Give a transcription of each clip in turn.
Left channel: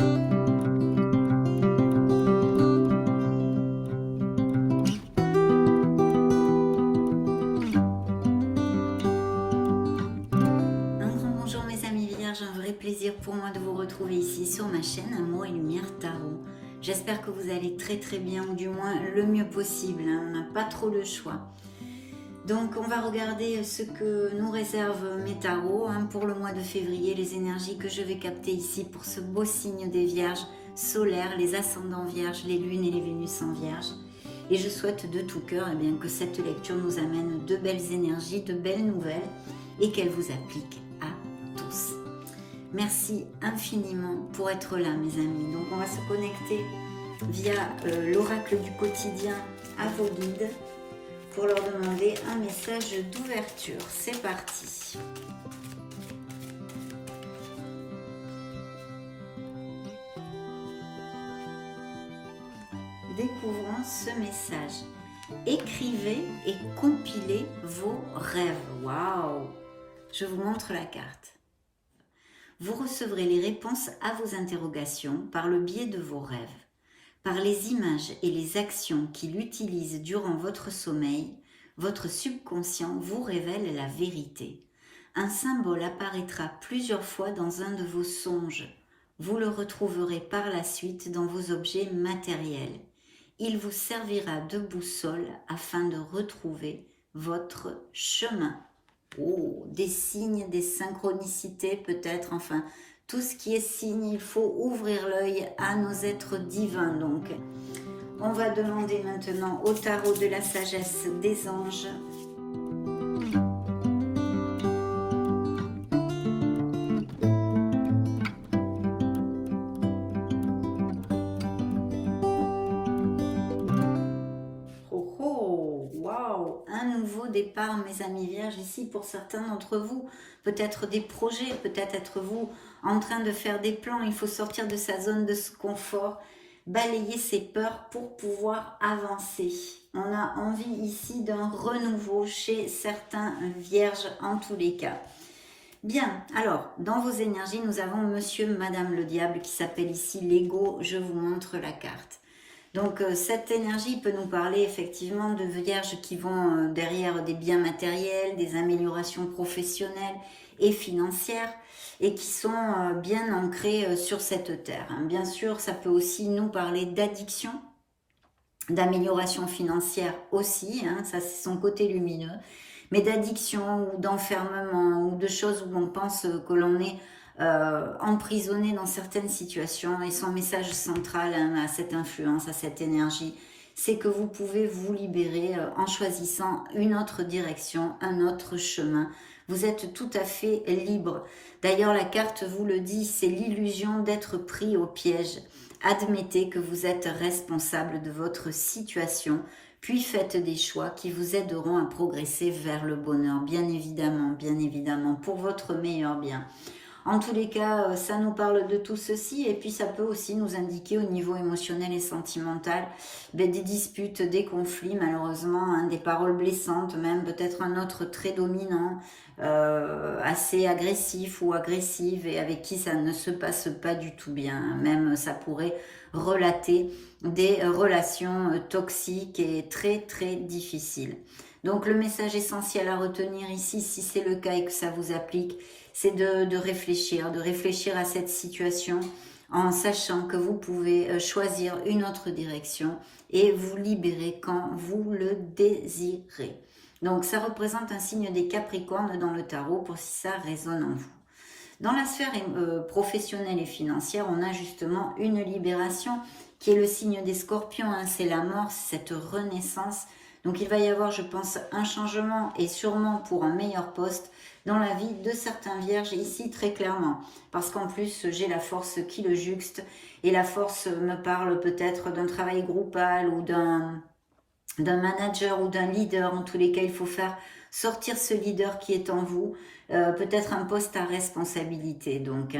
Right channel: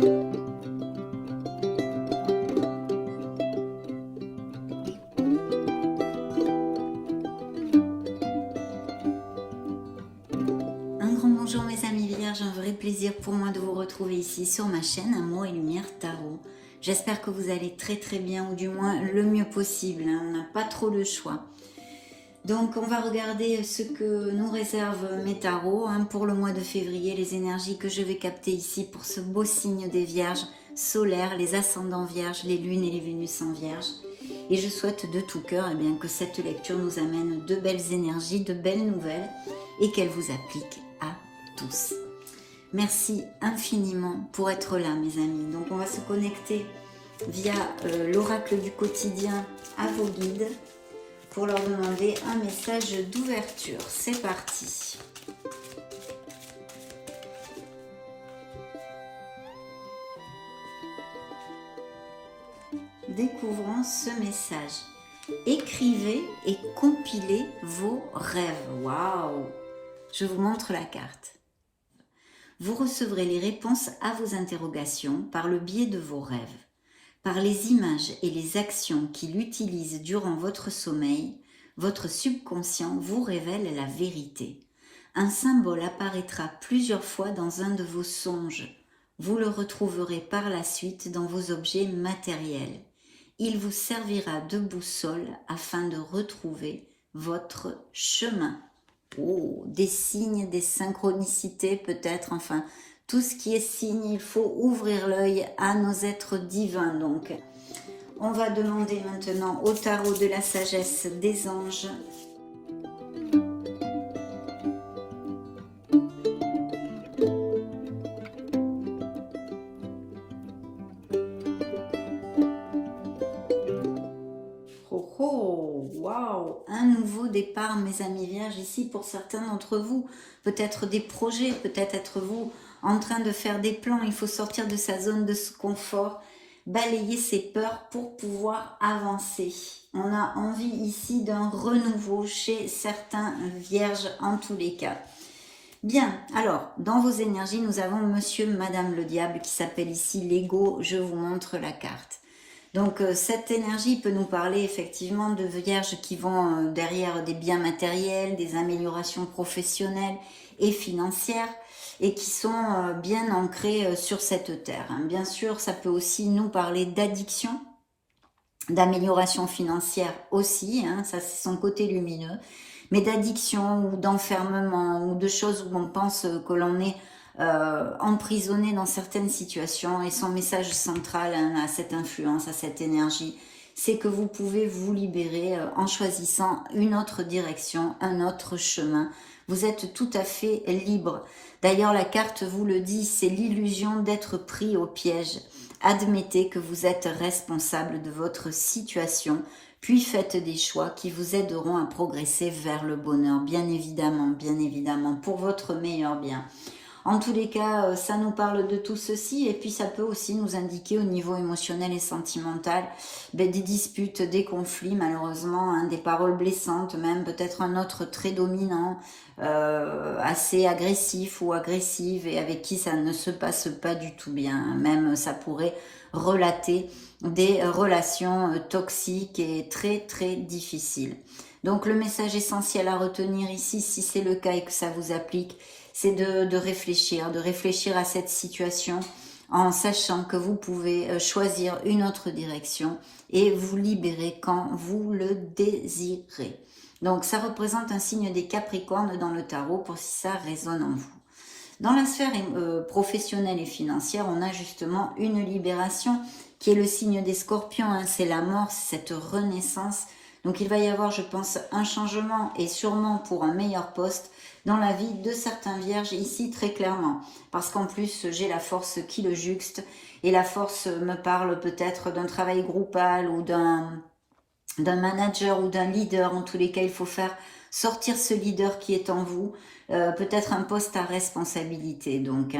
Un grand bonjour mes amis Vierges, un vrai plaisir pour moi de vous retrouver ici sur ma chaîne Amour et Lumière Tarot. J'espère que vous allez très bien, ou du moins le mieux possible, hein. On n'a pas trop le choix. Donc on va regarder ce que nous réservent mes tarots, hein, pour le mois de février, les énergies que je vais capter ici pour ce beau signe des Vierges solaires, les ascendants Vierges, les lunes et les Vénus en Vierge. Et je souhaite de tout cœur bien, que cette lecture nous amène de belles énergies, de belles nouvelles et qu'elle vous applique à tous. Merci infiniment pour être là mes amis. Donc on va se connecter via l'oracle du quotidien à vos guides pour leur demander un message d'ouverture. C'est parti. Découvrons ce message. Écrivez et compilez vos rêves. Waouh! Je vous montre la carte. Vous recevrez les réponses à vos interrogations par le biais de vos rêves. Par les images et les actions qu'il utilise durant votre sommeil, votre subconscient vous révèle la vérité. Un symbole apparaîtra plusieurs fois dans un de vos songes. Vous le retrouverez par la suite dans vos objets matériels. Il vous servira de boussole afin de retrouver votre chemin. Oh, des signes, des synchronicités peut-être, enfin, tout ce qui est signe, il faut ouvrir l'œil à nos êtres divins. Donc, on va demander maintenant au tarot de la sagesse des anges. Oh oh, waouh, un nouveau départ mes amis Vierges ici pour certains d'entre vous. Peut-être des projets, peut-être êtes-vous en train de faire des plans. Il faut sortir de sa zone de confort, balayer ses peurs pour pouvoir avancer. On a envie ici d'un renouveau chez certains Vierges en tous les cas. Bien, alors, dans vos énergies, nous avons Monsieur, Madame le Diable qui s'appelle ici l'ego. Je vous montre la carte. Donc cette énergie peut nous parler effectivement de Vierges qui vont derrière des biens matériels, des améliorations professionnelles et financières et qui sont bien ancrées sur cette terre. Bien sûr, ça peut aussi nous parler d'addiction, d'amélioration financière aussi, ça c'est son côté lumineux, mais d'addiction ou d'enfermement ou de choses où on pense que l'on est emprisonné dans certaines situations. Et son message central à cette influence, à cette énergie, c'est que vous pouvez vous libérer en choisissant une autre direction, un autre chemin. Vous êtes tout à fait libre. D'ailleurs, la carte vous le dit, c'est l'illusion d'être pris au piège. Admettez que vous êtes responsable de votre situation, puis faites des choix qui vous aideront à progresser vers le bonheur, bien évidemment, pour votre meilleur bien. En tous les cas, ça nous parle de tout ceci et puis ça peut aussi nous indiquer au niveau émotionnel et sentimental des disputes, des conflits malheureusement, des paroles blessantes, même peut-être un autre très dominant, assez agressif ou agressive et avec qui ça ne se passe pas du tout bien. Même ça pourrait relater des relations toxiques et très difficiles. Donc le message essentiel à retenir ici, si c'est le cas et que ça vous applique, c'est de réfléchir à cette situation en sachant que vous pouvez choisir une autre direction et vous libérer quand vous le désirez. Donc ça représente un signe des Capricornes dans le tarot pour si ça résonne en vous. Dans la sphère professionnelle et financière, on a justement une libération qui est le signe des Scorpions, c'est la mort, cette renaissance. Donc il va y avoir, je pense, un changement et sûrement pour un meilleur poste dans la vie de certains Vierges ici très clairement. Parce qu'en plus, j'ai la force qui le juxte et la force me parle peut-être d'un travail groupal ou d'un manager ou d'un leader. En tous les cas, il faut faire sortir ce leader qui est en vous. Peut-être un poste à responsabilité donc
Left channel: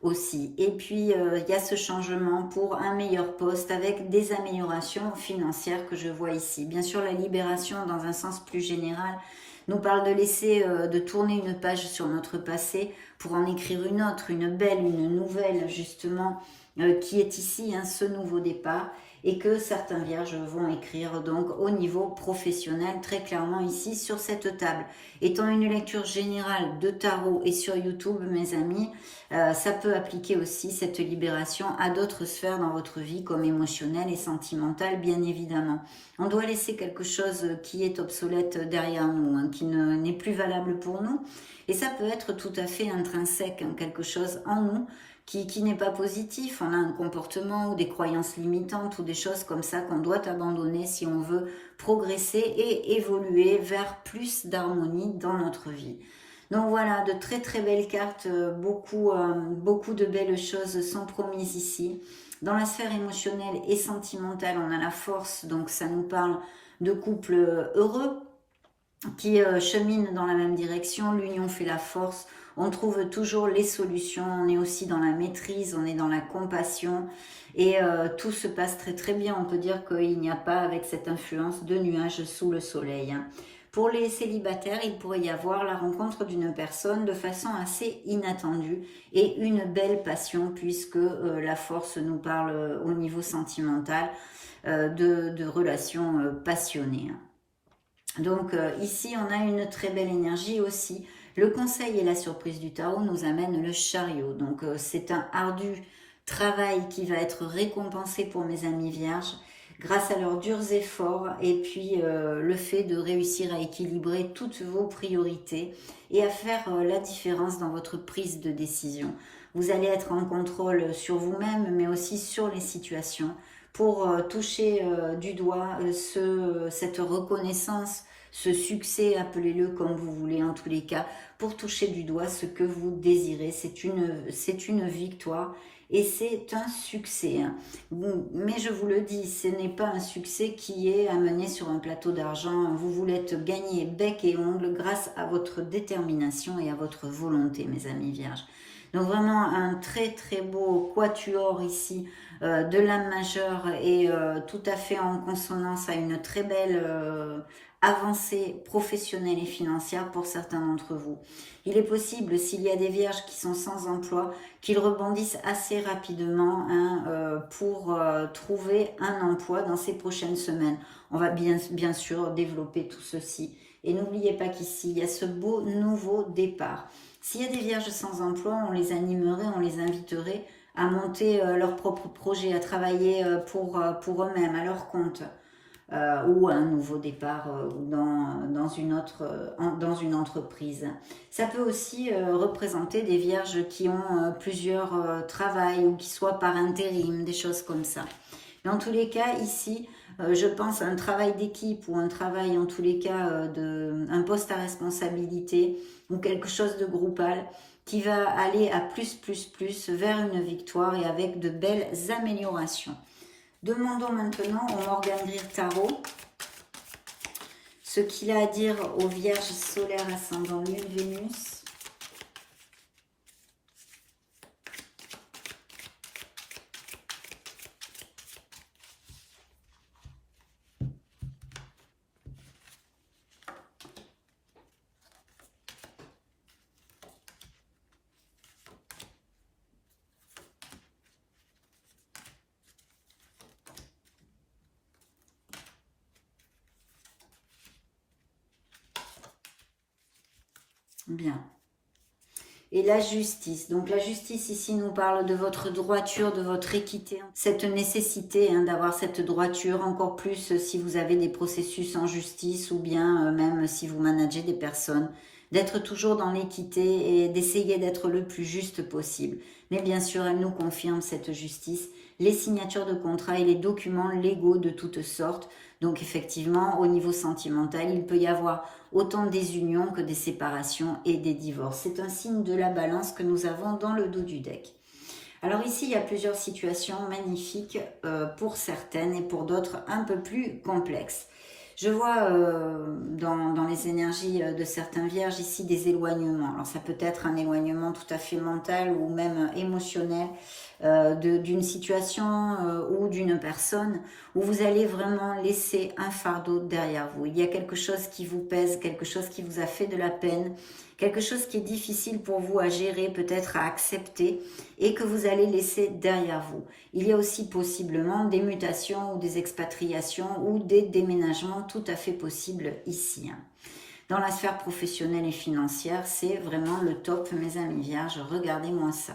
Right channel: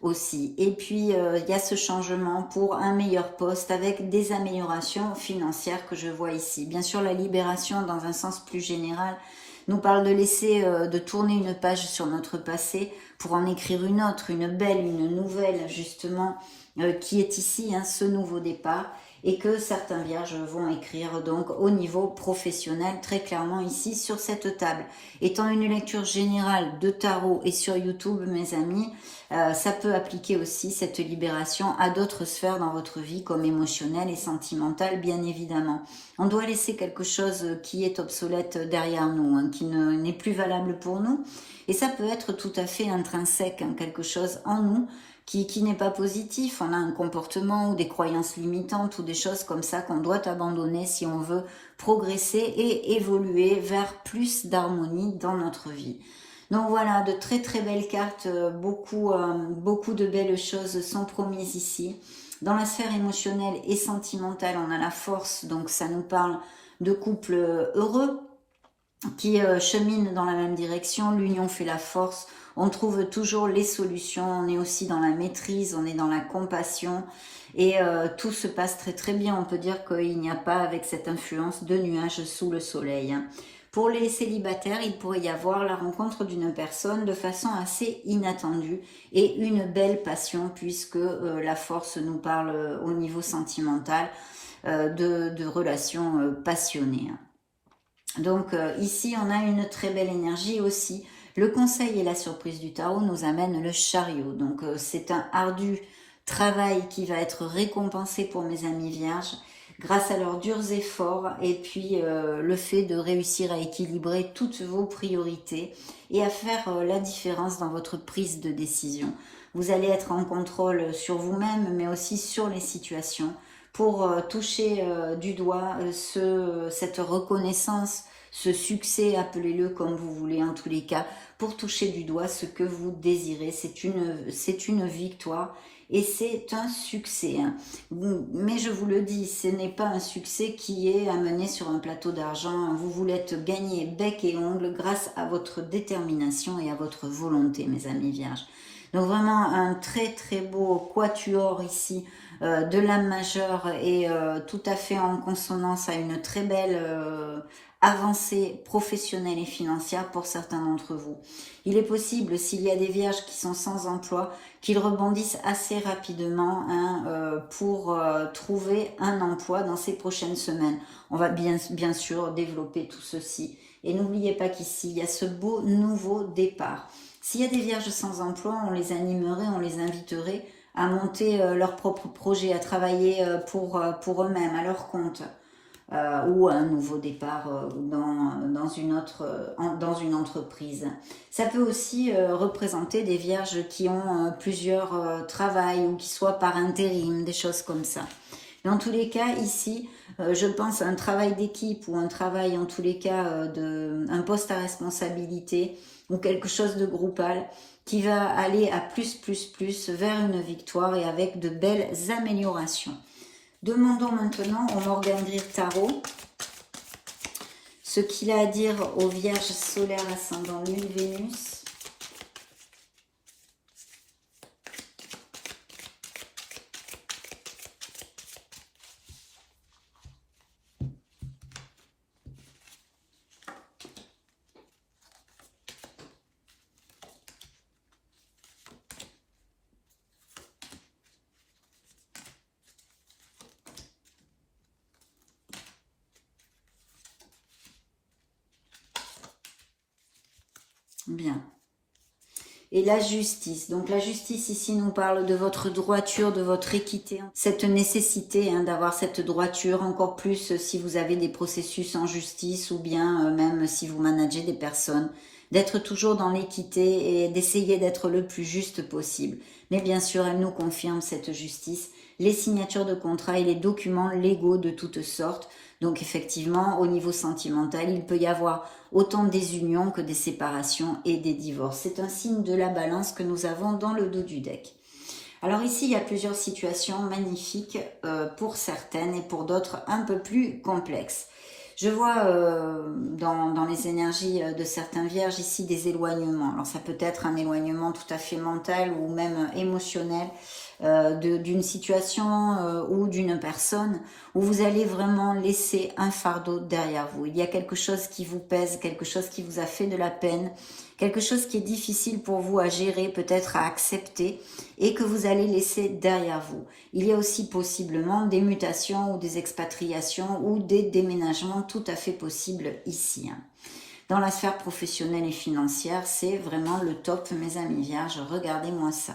aussi. Et puis il y a ce changement pour un meilleur poste avec des améliorations financières que je vois ici. Bien sûr la libération dans un sens plus général nous parle de laisser, de tourner une page sur notre passé pour en écrire une autre, une belle, une nouvelle justement, qui est ici, hein, ce nouveau départ, et que certains vierges vont écrire donc au niveau professionnel, très clairement ici sur cette table. Étant une lecture générale de tarot et sur YouTube, mes amis, ça peut appliquer aussi cette libération à d'autres sphères dans votre vie, comme émotionnelle et sentimentale, bien évidemment. On doit laisser quelque chose qui est obsolète derrière nous, hein, qui n'est plus valable pour nous, et ça peut être tout à fait intrinsèque, hein, quelque chose en nous qui n'est pas positif. On a un comportement ou des croyances limitantes ou des choses comme ça qu'on doit abandonner si on veut progresser et évoluer vers plus d'harmonie dans notre vie. Donc voilà, de très très belles cartes, beaucoup de belles choses sont promises ici. Dans la sphère émotionnelle et sentimentale, on a la force, donc ça nous parle de couples heureux qui cheminent dans la même direction. L'union fait la force. On trouve toujours les solutions, on est aussi dans la maîtrise, on est dans la compassion et tout se passe très très bien. On peut dire qu'il n'y a pas, avec cette influence, de nuages sous le soleil. Pour les célibataires, il pourrait y avoir la rencontre d'une personne de façon assez inattendue et une belle passion, puisque la force nous parle au niveau sentimental de relations passionnées. Donc ici, on a une très belle énergie aussi. Le conseil et la surprise du tarot nous amènent le chariot. Donc c'est un ardu travail qui va être récompensé pour mes amis vierges grâce à leurs durs efforts et puis le fait de réussir à équilibrer toutes vos priorités et à faire la différence dans votre prise de décision. Vous allez être en contrôle sur vous-même mais aussi sur les situations pour toucher du doigt cette reconnaissance, ce succès, appelez-le comme vous voulez en tous les cas, pour toucher du doigt ce que vous désirez. C'est une victoire et c'est un succès. Mais je vous le dis, ce n'est pas un succès qui est amené sur un plateau d'argent. Vous voulez être gagné bec et ongle grâce à votre détermination et à votre volonté, mes amis vierges. Donc vraiment un très très beau quatuor ici de l'âme majeure et tout à fait en consonance à une très belle avancée professionnelle et financière pour certains d'entre vous. Il est possible, s'il y a des vierges qui sont sans emploi, qu'ils rebondissent assez rapidement pour trouver un emploi dans ces prochaines semaines. On va bien sûr développer tout ceci. Et n'oubliez pas qu'ici, il y a ce beau nouveau départ. S'il y a des vierges sans emploi, on les animerait, on les inviterait à monter leur propre projet, à travailler pour eux-mêmes, à leur compte, ou à un nouveau départ dans une entreprise. Ça peut aussi représenter des vierges qui ont plusieurs travails ou qui soient par intérim, des choses comme ça. Dans tous les cas, ici, je pense à un travail d'équipe ou un travail, en tous les cas, un poste à responsabilité ou quelque chose de groupal qui va aller à plus vers une victoire et avec de belles améliorations. Demandons maintenant au Morgan Greer Tarot ce qu'il a à dire aux Vierges solaires ascendant Lune Vénus. Bien. Et la justice. Donc la justice ici nous parle de votre droiture, de votre équité. Cette nécessité d'avoir cette droiture, encore plus si vous avez des processus en justice ou bien même si vous managez des personnes. D'être toujours dans l'équité et d'essayer d'être le plus juste possible. Mais bien sûr, elle nous confirme cette justice. Les signatures de contrats et les documents légaux de toutes sortes. Donc effectivement, au niveau sentimental, il peut y avoir autant des unions que des séparations et des divorces. C'est un signe de la balance que nous avons dans le dos du deck. Alors ici, il y a plusieurs situations magnifiques pour certaines et pour d'autres un peu plus complexes. Je vois dans les énergies de certains vierges ici des éloignements. Alors ça peut être un éloignement tout à fait mental ou même émotionnel d'une situation ou d'une personne où vous allez vraiment laisser un fardeau derrière vous. Il y a quelque chose qui vous pèse, quelque chose qui vous a fait de la peine, quelque chose qui est difficile pour vous à gérer, peut-être à accepter et que vous allez laisser derrière vous. Il y a aussi possiblement des mutations ou des expatriations ou des déménagements tout à fait possibles ici. Dans la sphère professionnelle et financière, c'est vraiment le top, mes amis vierges. Regardez-moi ça.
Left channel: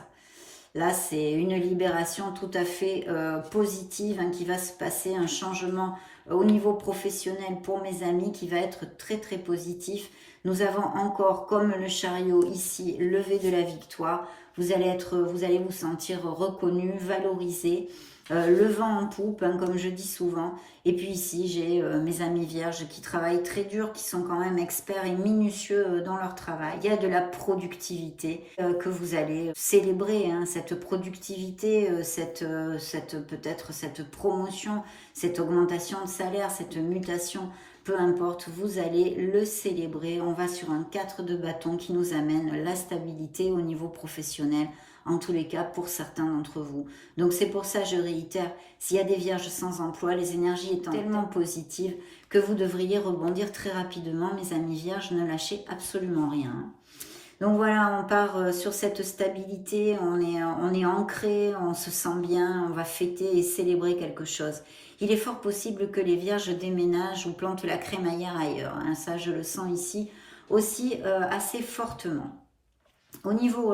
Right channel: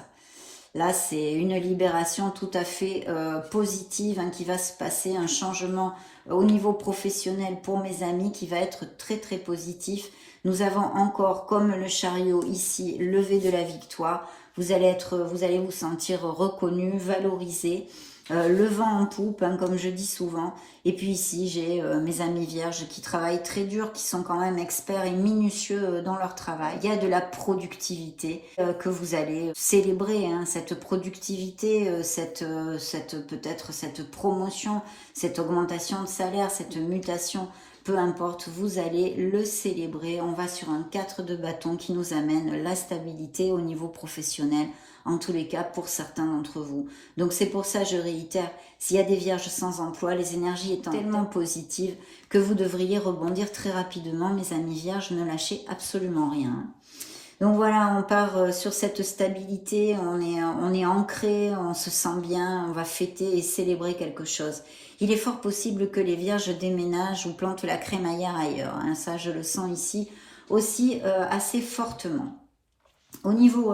Là, c'est une libération tout à fait positive qui va se passer, un changement au niveau professionnel pour mes amis qui va être très très positif. Nous avons encore, comme le chariot ici, levé de la victoire. Vous allez vous sentir reconnu, valorisé, le vent en poupe, comme je dis souvent. Et puis ici, j'ai mes amis vierges qui travaillent très dur, qui sont quand même experts et minutieux dans leur travail. Il y a de la productivité que vous allez célébrer, cette productivité, peut-être cette promotion, cette augmentation de salaire, cette mutation. Peu importe, vous allez le célébrer. On va sur un 4 de bâton qui nous amène la stabilité au niveau professionnel, en tous les cas pour certains d'entre vous. Donc c'est pour ça, je réitère, s'il y a des vierges sans emploi, les énergies étant tellement positives que vous devriez rebondir très rapidement, mes amis vierges, ne lâchez absolument rien. Donc voilà, on part sur cette stabilité, on est ancré, on se sent bien, on va fêter et célébrer quelque chose. Il est fort possible que les vierges déménagent ou plantent la crémaillère ailleurs. Ça, je le sens ici aussi assez fortement. Au niveau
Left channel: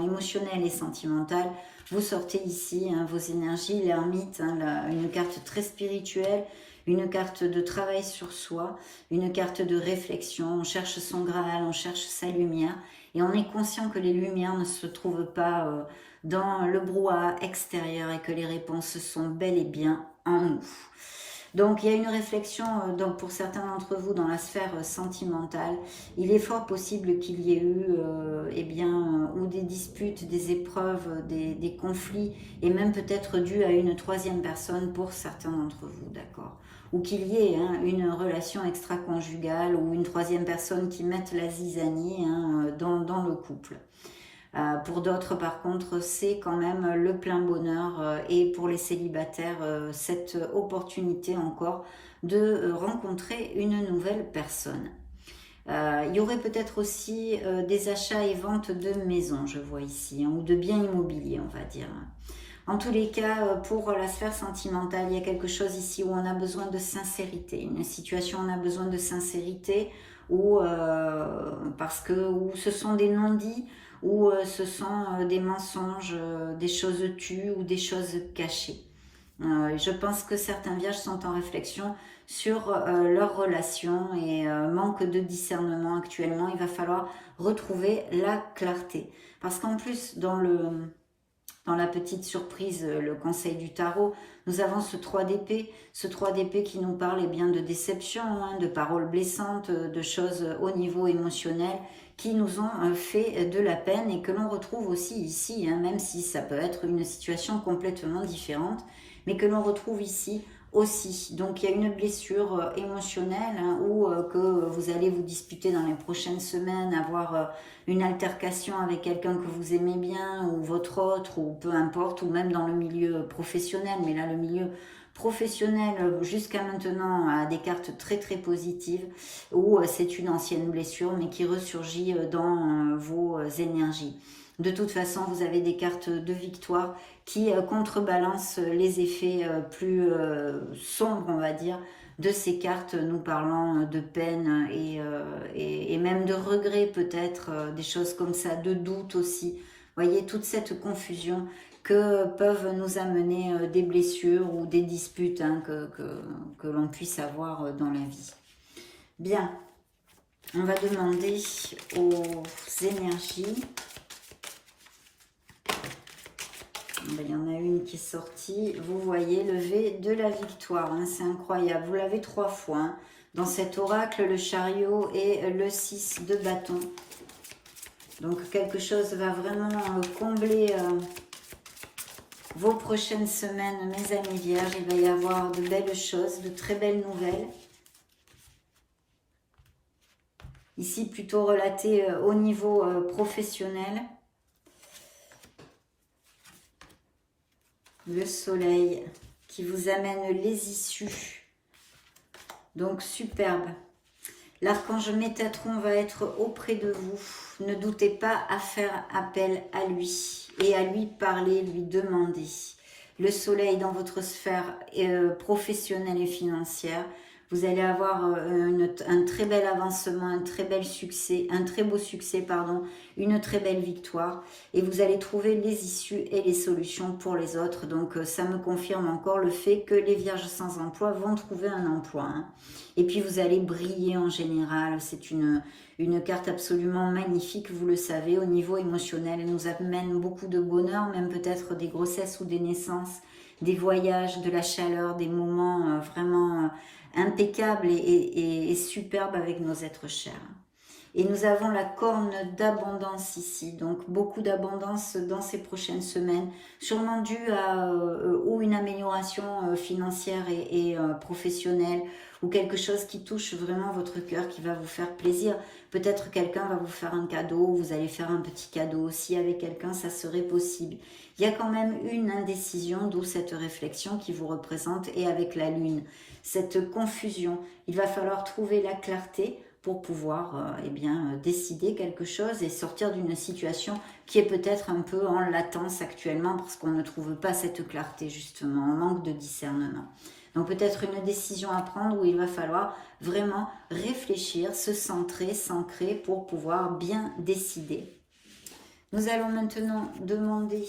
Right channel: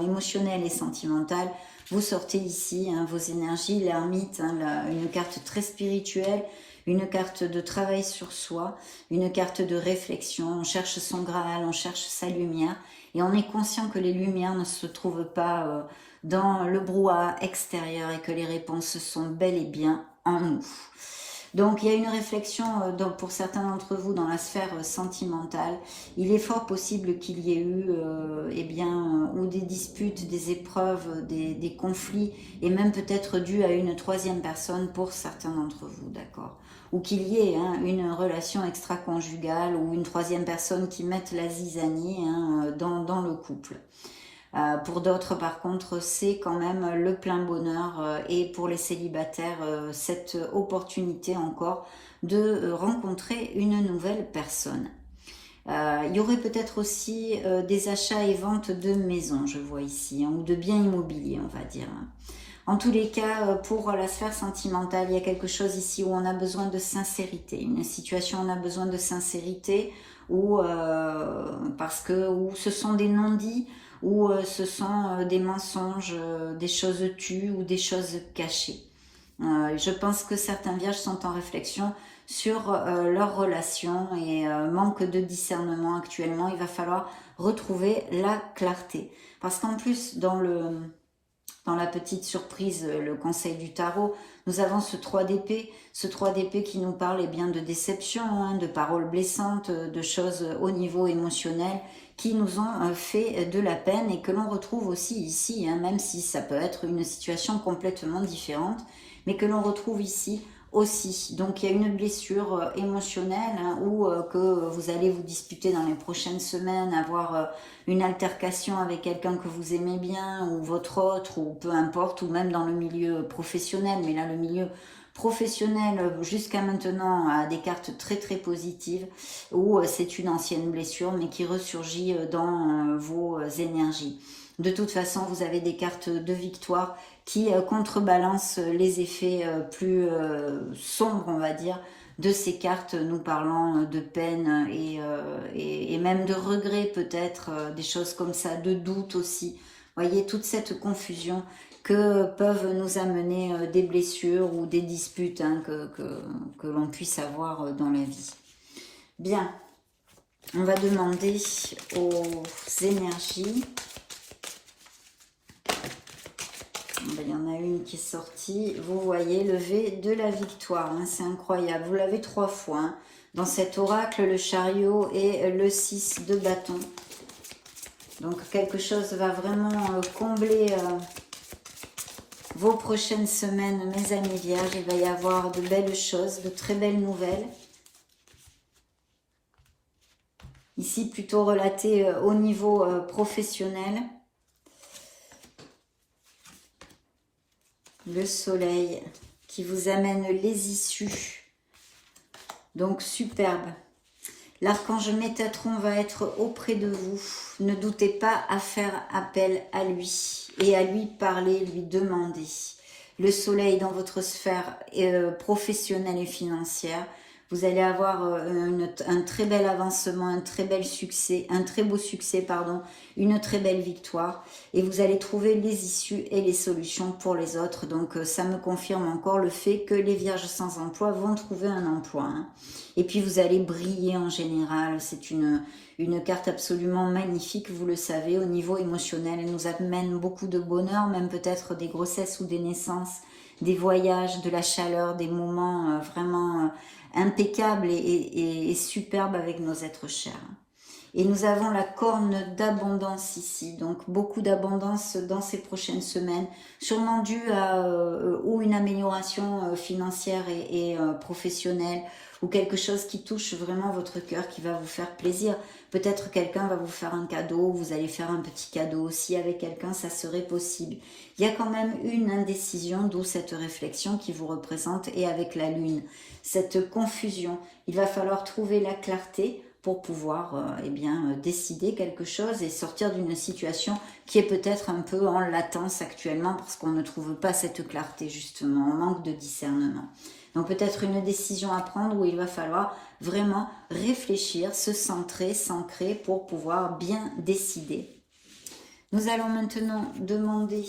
émotionnel et sentimental, vous sortez ici vos énergies, l'ermite, une carte très spirituelle, une carte de travail sur soi, une carte de réflexion. On cherche son Graal, on cherche sa lumière et on est conscient que les lumières ne se trouvent pas dans le brouhaha extérieur et que les réponses sont bel et bien en nous. Donc il y a une réflexion pour certains d'entre vous dans la sphère sentimentale. Il est fort possible qu'il y ait eu ou des disputes, des épreuves, des conflits et même peut-être dû à une troisième personne pour certains d'entre vous, d'accord? Ou qu'il y ait une relation extra-conjugale ou une troisième personne qui mette la zizanie dans le couple. Pour d'autres, par contre, c'est quand même le plein bonheur et pour les célibataires, cette opportunité encore de rencontrer une nouvelle personne. Il y aurait peut-être aussi des achats et ventes de maisons, je vois ici, ou de biens immobiliers, on va dire. En tous les cas, pour la sphère sentimentale, il y a quelque chose ici où on a besoin de sincérité. Une situation, on a besoin de sincérité ou ce sont des non-dits, ou ce sont des mensonges, des choses tues ou des choses cachées. Je pense que certains vierges sont en réflexion sur leur relation et manque de discernement actuellement. Il va falloir retrouver la clarté. Parce qu'en plus, dans la petite surprise, le conseil du tarot, nous avons ce 3 d'épée. Ce 3 d'épée qui nous parle bien de déception, de paroles blessantes, de choses au niveau émotionnel qui nous ont fait de la peine et que l'on retrouve aussi ici, même si ça peut être une situation complètement différente, mais que l'on retrouve ici aussi. Donc il y a une blessure émotionnelle ou que vous allez vous disputer dans les prochaines semaines, avoir une altercation avec quelqu'un que vous aimez bien ou votre autre ou peu importe, ou même dans le milieu professionnel, mais là le milieu professionnel jusqu'à maintenant a des cartes très très positives où c'est une ancienne blessure mais qui ressurgit dans vos énergies. De toute façon, vous avez des cartes de victoire qui contrebalancent les effets plus sombres, on va dire, de ces cartes, nous parlons de peine et même de regret peut-être, des choses comme ça, de doute aussi. Vous voyez, toute cette confusion que peuvent nous amener des blessures ou des disputes que l'on puisse avoir dans la vie. Bien, on va demander aux énergies. Il y en a une qui est sortie. Vous voyez, levé de la victoire. C'est incroyable. Vous l'avez 3 fois. Dans cet oracle, le chariot et le 6 de bâton. Donc, quelque chose va vraiment combler vos prochaines semaines, mes amis vierges. Il va y avoir de belles choses, de très belles nouvelles. Ici, plutôt relaté au niveau professionnel. Le soleil qui vous amène les issues. Donc, superbe. L'archange Métatron va être auprès de vous. Ne doutez pas à faire appel à lui et à lui parler, lui demander. Le soleil dans votre sphère professionnelle et financière. Vous allez avoir un très bel avancement, un très beau succès, pardon, une très belle victoire. Et vous allez trouver les issues et les solutions pour les autres. Donc ça me confirme encore le fait que les vierges sans emploi vont trouver un emploi. Hein. Et puis vous allez briller en général. C'est une carte absolument magnifique, vous le savez, au niveau émotionnel. Elle nous amène beaucoup de bonheur, même peut-être des grossesses ou des naissances, des voyages, de la chaleur, des moments vraiment impeccable et superbe avec nos êtres chers. Et nous avons la corne d'abondance ici, donc beaucoup d'abondance dans ces prochaines semaines, sûrement due à ou une amélioration financière et professionnelle, ou quelque chose qui touche vraiment votre cœur, qui va vous faire plaisir. Peut-être quelqu'un va vous faire un cadeau, vous allez faire un petit cadeau aussi avec quelqu'un, ça serait possible. Il y a quand même une indécision, d'où cette réflexion qui vous représente, et avec la lune, cette confusion. Il va falloir trouver la clarté pour pouvoir décider quelque chose et sortir d'une situation qui est peut-être un peu en latence actuellement parce qu'on ne trouve pas cette clarté justement, on manque de discernement. Donc peut-être une décision à prendre où il va falloir vraiment réfléchir, se centrer, s'ancrer pour pouvoir bien décider. Nous allons maintenant demander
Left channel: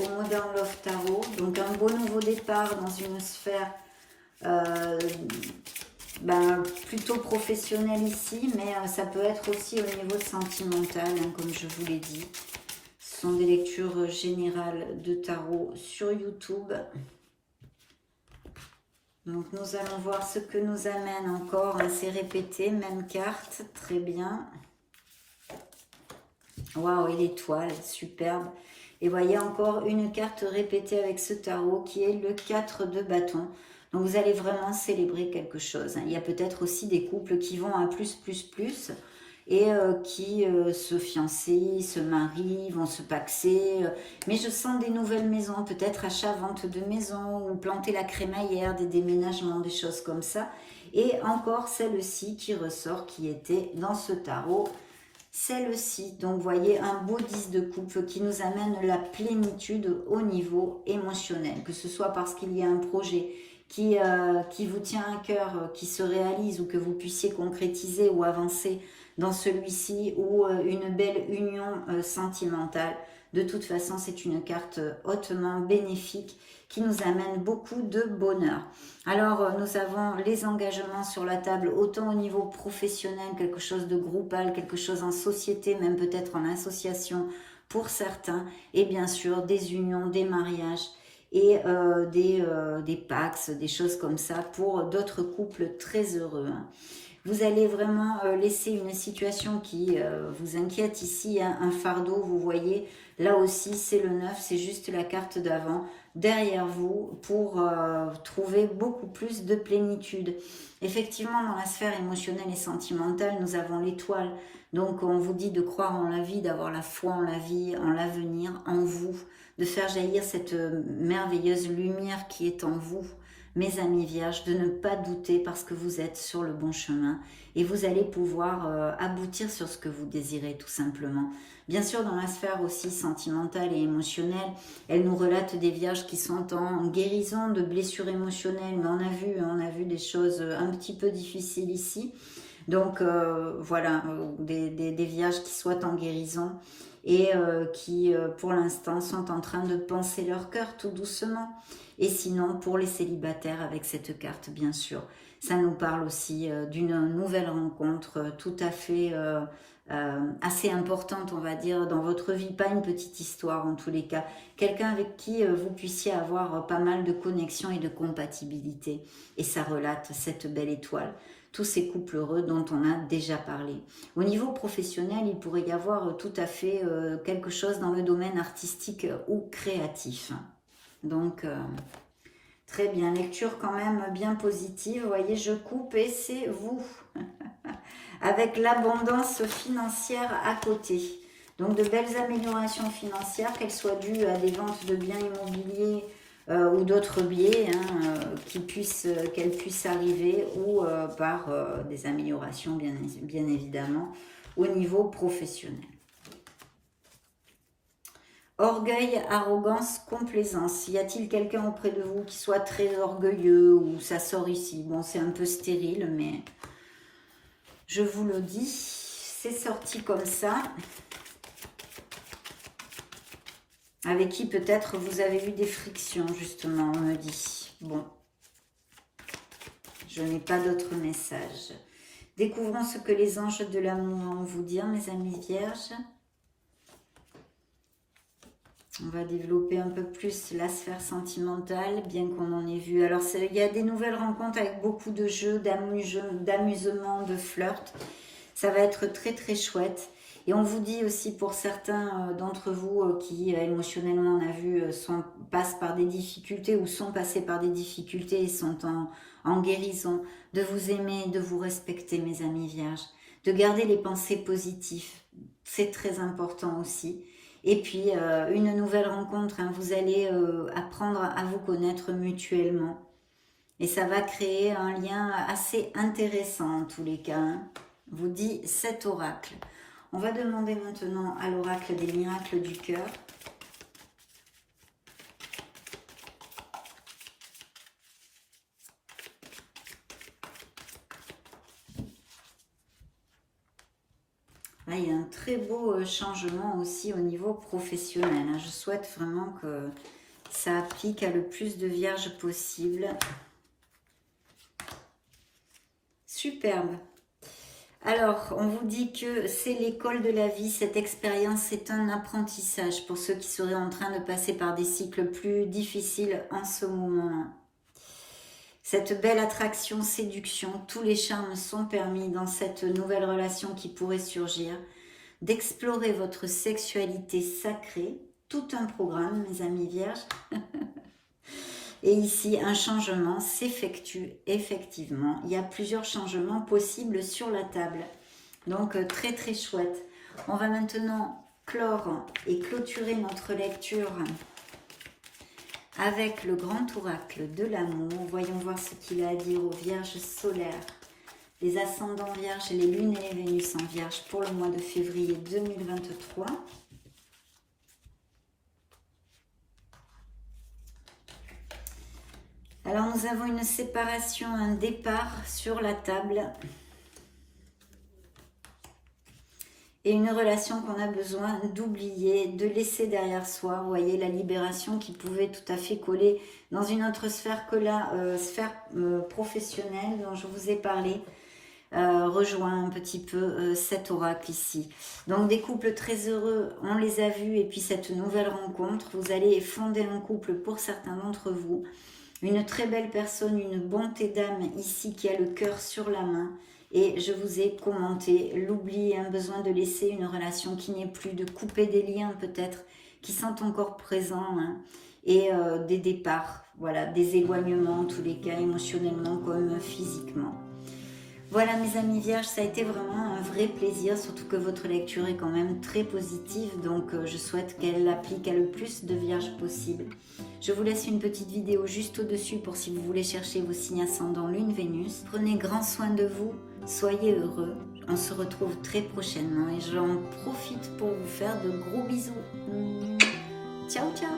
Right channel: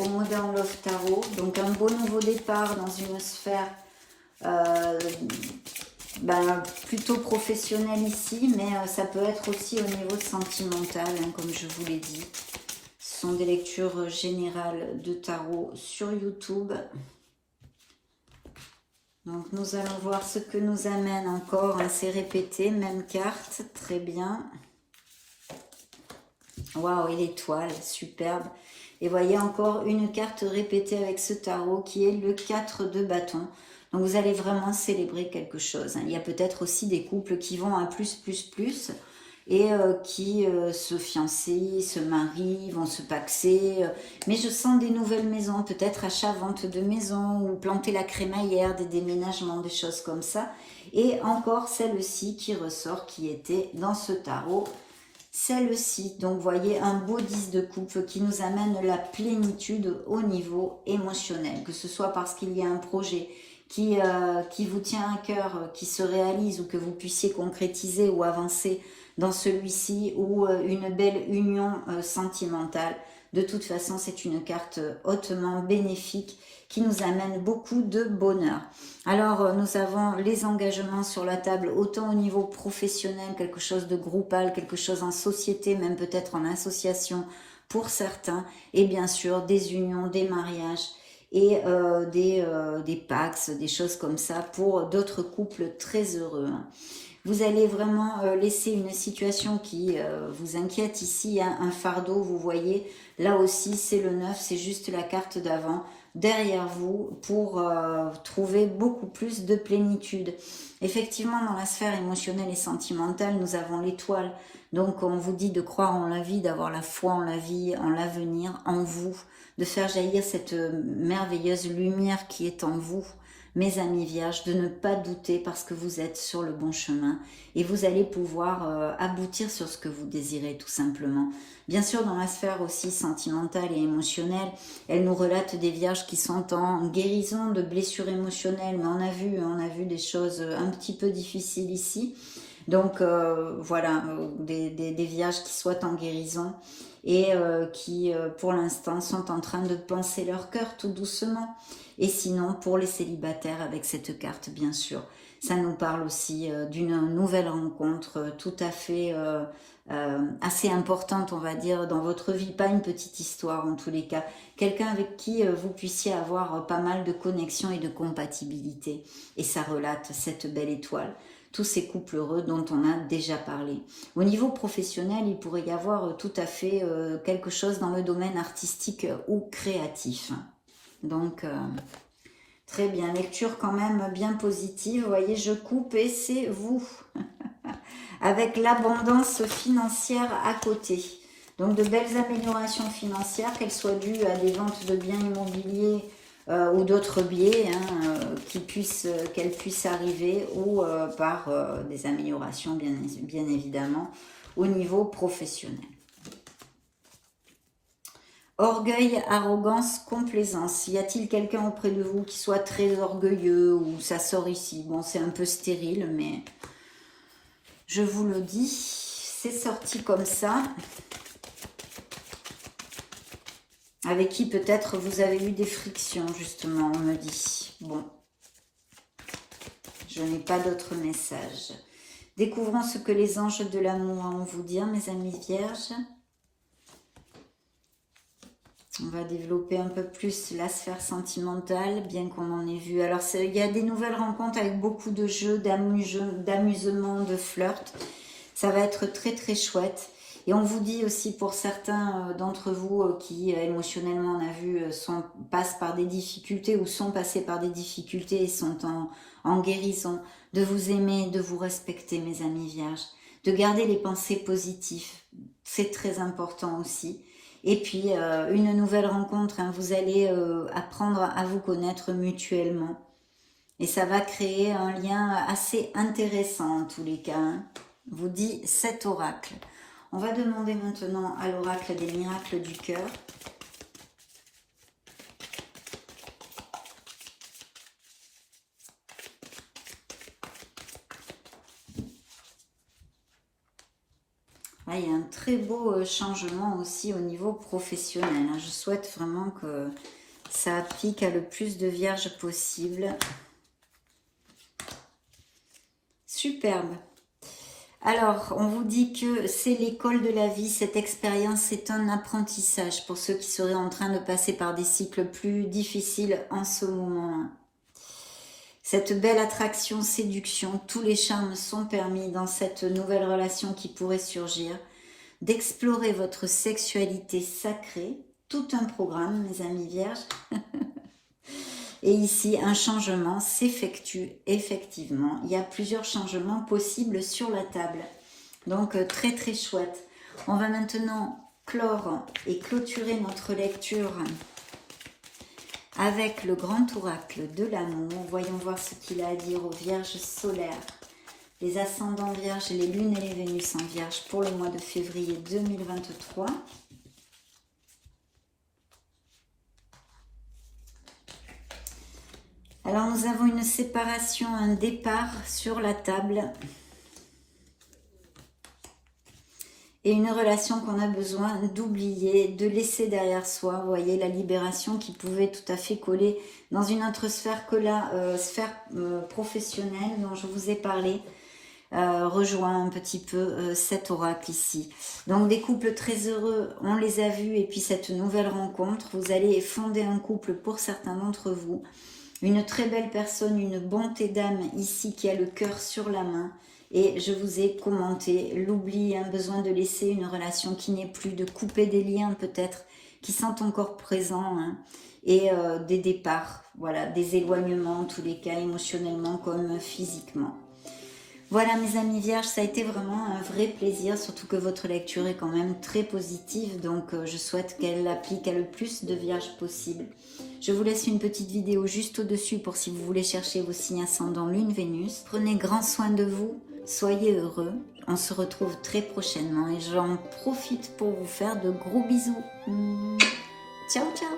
au Modern Love Tarot, donc un beau nouveau départ dans une sphère plutôt professionnelle ici, mais ça peut être aussi au niveau sentimental, hein, comme je vous l'ai dit. Ce sont des lectures générales de tarot sur YouTube. Donc nous allons voir ce que nous amène encore, hein, c'est répété, même carte, très bien. Waouh, et l'étoile, superbe. Et voyez encore une carte répétée avec ce tarot qui est le 4 de bâton. Donc vous allez vraiment célébrer quelque chose. Il y a peut-être aussi des couples qui vont à plus et qui se fiancent, se marient, vont se paxer. Mais je sens des nouvelles maisons, peut-être achat-vente de maisons ou planter la crémaillère, des déménagements, des choses comme ça. Et encore celle-ci qui ressort, qui était dans ce tarot, celle-ci. Donc, vous voyez, un beau 10 de coupe qui nous amène la plénitude au niveau émotionnel. Que ce soit parce qu'il y a un projet qui vous tient à cœur, qui se réalise ou que vous puissiez concrétiser ou avancer dans celui-ci ou une belle union sentimentale. De toute façon, c'est une carte hautement bénéfique qui nous amène beaucoup de bonheur. Alors, nous avons les engagements sur la table, autant au niveau professionnel, quelque chose de groupal, quelque chose en société, même peut-être en association pour certains, et bien sûr des unions, des mariages et des pax, des choses comme ça pour d'autres couples très heureux. Vous allez vraiment laisser une situation qui vous inquiète ici, hein, un fardeau, vous voyez, là aussi c'est le 9, c'est juste la carte d'avant, derrière vous pour trouver beaucoup plus de plénitude. Effectivement, dans la sphère émotionnelle et sentimentale, nous avons l'étoile. Donc on vous dit de croire en la vie, d'avoir la foi en la vie, en l'avenir, en vous, de faire jaillir cette merveilleuse lumière qui est en vous. Mes amis vierges, de ne pas douter parce que vous êtes sur le bon chemin et vous allez pouvoir aboutir sur ce que vous désirez tout simplement. Bien sûr, dans la sphère aussi sentimentale et émotionnelle, elle nous relate des vierges qui sont en guérison de blessures émotionnelles, mais on a vu des choses un petit peu difficiles ici. Donc voilà, des vierges qui soient en guérison et qui pour l'instant sont en train de penser leur cœur tout doucement. Et sinon, pour les célibataires, avec cette carte, bien sûr, ça nous parle aussi d'une nouvelle rencontre tout à fait assez importante, on va dire, dans votre vie. Pas une petite histoire, en tous les cas. Quelqu'un avec qui vous puissiez avoir pas mal de connexions et de compatibilité. Et ça relate cette belle étoile. Tous ces couples heureux dont on a déjà parlé. Au niveau professionnel, il pourrait y avoir tout à fait quelque chose dans le domaine artistique ou créatif. Donc, très bien. Lecture quand même bien positive. Vous voyez, je coupe et c'est vous. Avec l'abondance financière à côté. Donc, de belles améliorations financières, qu'elles soient dues à des ventes de biens immobiliers ou d'autres biais, hein, qu'elles puissent arriver, ou par des améliorations, bien évidemment, au niveau professionnel. Orgueil, arrogance, complaisance. Y a-t-il quelqu'un auprès de vous qui soit très orgueilleux ou ça sort ici? Bon, c'est un peu stérile, mais je vous le dis, c'est sorti comme ça. Avec qui peut-être vous avez eu des frictions, justement, on me dit. Bon, je n'ai pas d'autres messages. Découvrons ce que les anges de l'amour vont vous dire, mes amis vierges. On va développer un peu plus la sphère sentimentale, bien qu'on en ait vu. Alors, il y a des nouvelles rencontres avec beaucoup de jeux, d'amusement, de flirt. Ça va être très, très chouette. Et on vous dit aussi pour certains d'entre vous qui émotionnellement, on a vu, passent par des difficultés ou sont passés par des difficultés et sont en guérison, de vous aimer, de vous respecter, mes amis vierges, de garder les pensées positives. C'est très important aussi. Et puis, une nouvelle rencontre, hein, vous allez apprendre à vous connaître mutuellement. Et ça va créer un lien assez intéressant en tous les cas. Hein. Vous dit cet oracle. On va demander maintenant à l'oracle des miracles du cœur. Là, il y a un très beau changement aussi au niveau professionnel. Hein. Je souhaite vraiment que ça applique à le plus de vierges possible. Superbe. Alors, on vous dit que c'est l'école de la vie, cette expérience, c'est un apprentissage pour ceux qui seraient en train de passer par des cycles plus difficiles en ce moment. Cette belle attraction, séduction, tous les charmes sont permis dans cette nouvelle relation qui pourrait surgir, d'explorer votre sexualité sacrée, tout un programme, mes amis vierges. Et ici, un changement s'effectue effectivement. Il y a plusieurs changements possibles sur la table. Donc, très très chouette. On va maintenant clore et clôturer notre lecture avec le grand oracle de l'amour. Voyons voir ce qu'il a à dire aux vierges solaires, les ascendants vierges, les lunes et les Vénus en vierge pour le mois de février 2023. Alors, nous avons une séparation, un départ sur la table. Et une relation qu'on a besoin d'oublier, de laisser derrière soi. Vous voyez, la libération qui pouvait tout à fait coller dans une autre sphère que la sphère professionnelle dont je vous ai parlé. Rejoint un petit peu cet oracle ici. Donc des couples très heureux, on les a vus. Et puis cette nouvelle rencontre, vous allez fonder un couple pour certains d'entre vous. Une très belle personne, une bonté d'âme ici qui a le cœur sur la main. Et je vous ai commenté l'oubli, un besoin de laisser une relation qui n'est plus, de couper des liens peut-être qui sont encore présents. Hein, et des départs, voilà, des éloignements en tous les cas, émotionnellement comme physiquement. Voilà mes amis vierges, ça a été vraiment un vrai plaisir, surtout que votre lecture est quand même très positive, donc je souhaite qu'elle applique à le plus de vierges possible. Je vous laisse une petite vidéo juste au-dessus pour si vous voulez chercher vos signes ascendants Lune, Vénus. Prenez grand soin de vous, soyez heureux, on se retrouve très prochainement et j'en profite pour vous faire de gros bisous. Ciao ciao.